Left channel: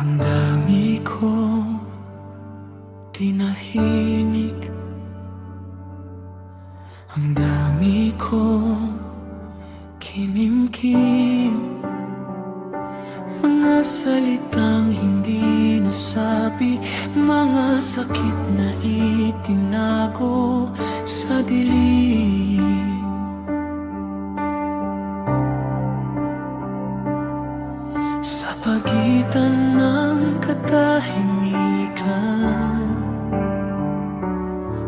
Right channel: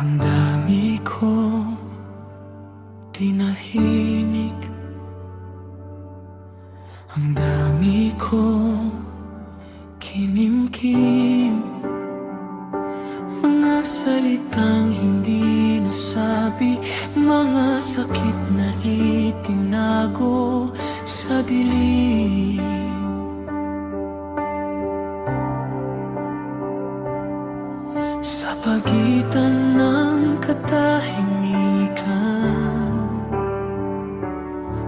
Ang dami kong tinahimik, ang dami kong kinimkim, mga salitang hindi nasabi, mga sakit na itinago sa dilim. Sa pagitan ng katahimikan,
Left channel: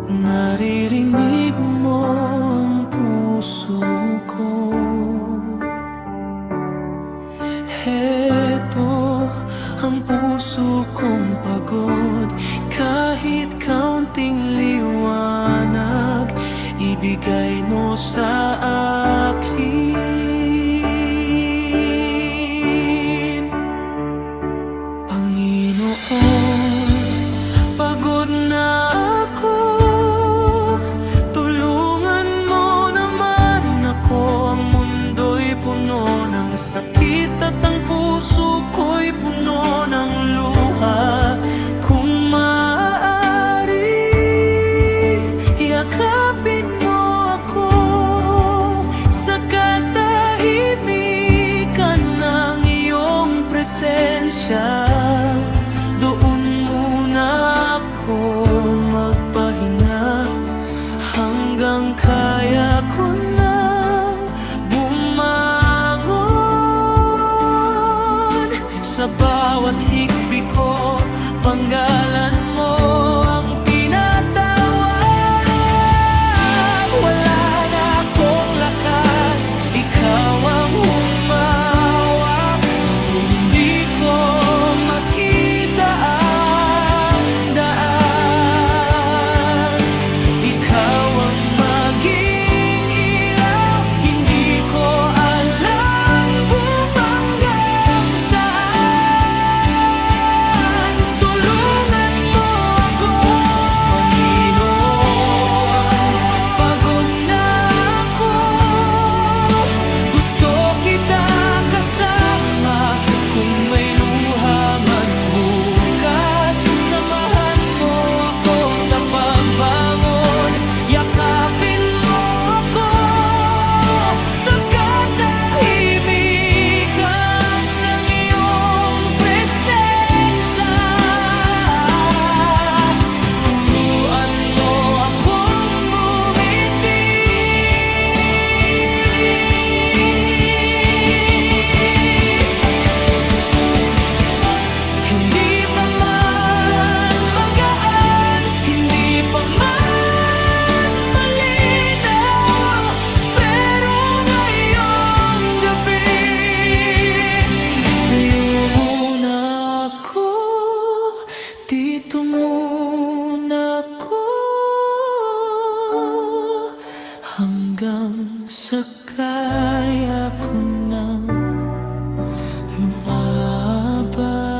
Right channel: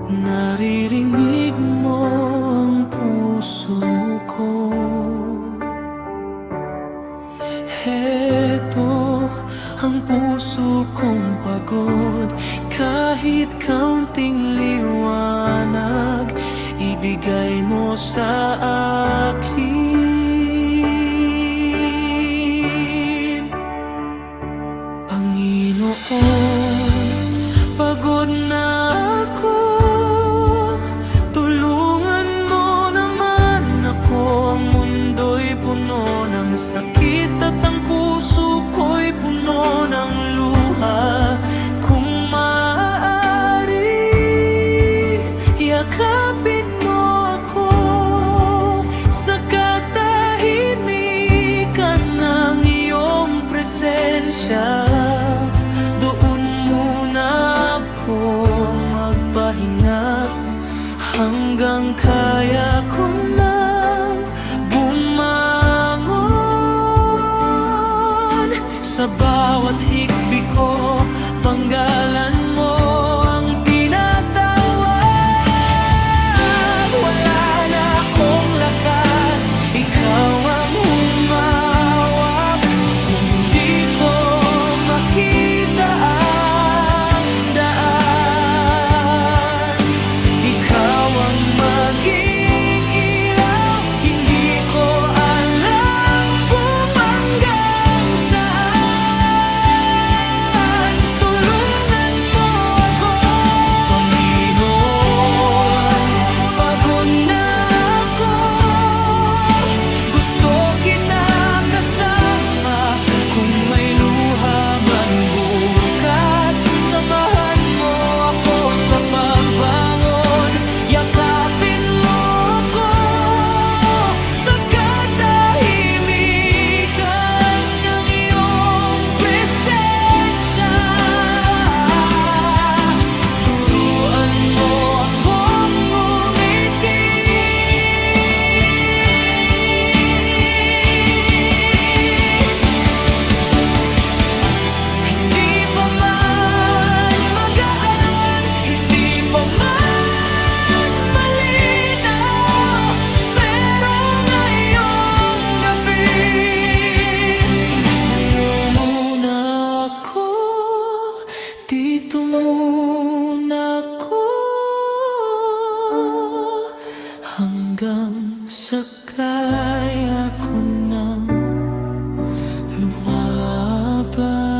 naririnig mo ang puso ko. Heto ang puso kong pagod, kahit kaunting liwanag ibigay mo sa akin. Panginoon, pagod na ako, tulungan mo naman ako. Ang mundo'y puno ng sakit at ang puso ko'y puno ng luha. Kung maaari, yakapin mo ako sa katahimikan ng iyong presensya. Doon muna ako magpahinga hanggang kaya ko nang bumangon. Sa bawat hikbi ko, panggalan mo ang tinatawag. Wala na akong lakas, ikaw ang humawak. Kung hindi ko makita ang daan, ikaw ang maging ilaw. Hindi ko alam kung hanggang saan. Tulungan mo ako, Panginoon. Pagod na ako, gusto kita kasama. Kung may luha man bukas, samahan mo ako sa pagbangon. Yakapin mo ako sa katahimikan ng iyong presensya. Turuan mo akong ngumiti, hindi pa man magaan, hindi pa man malinaw, pero ngayong gabi, sa'yo muna ako, dito muna ako, hanggang sa kaya ko nang lumaban.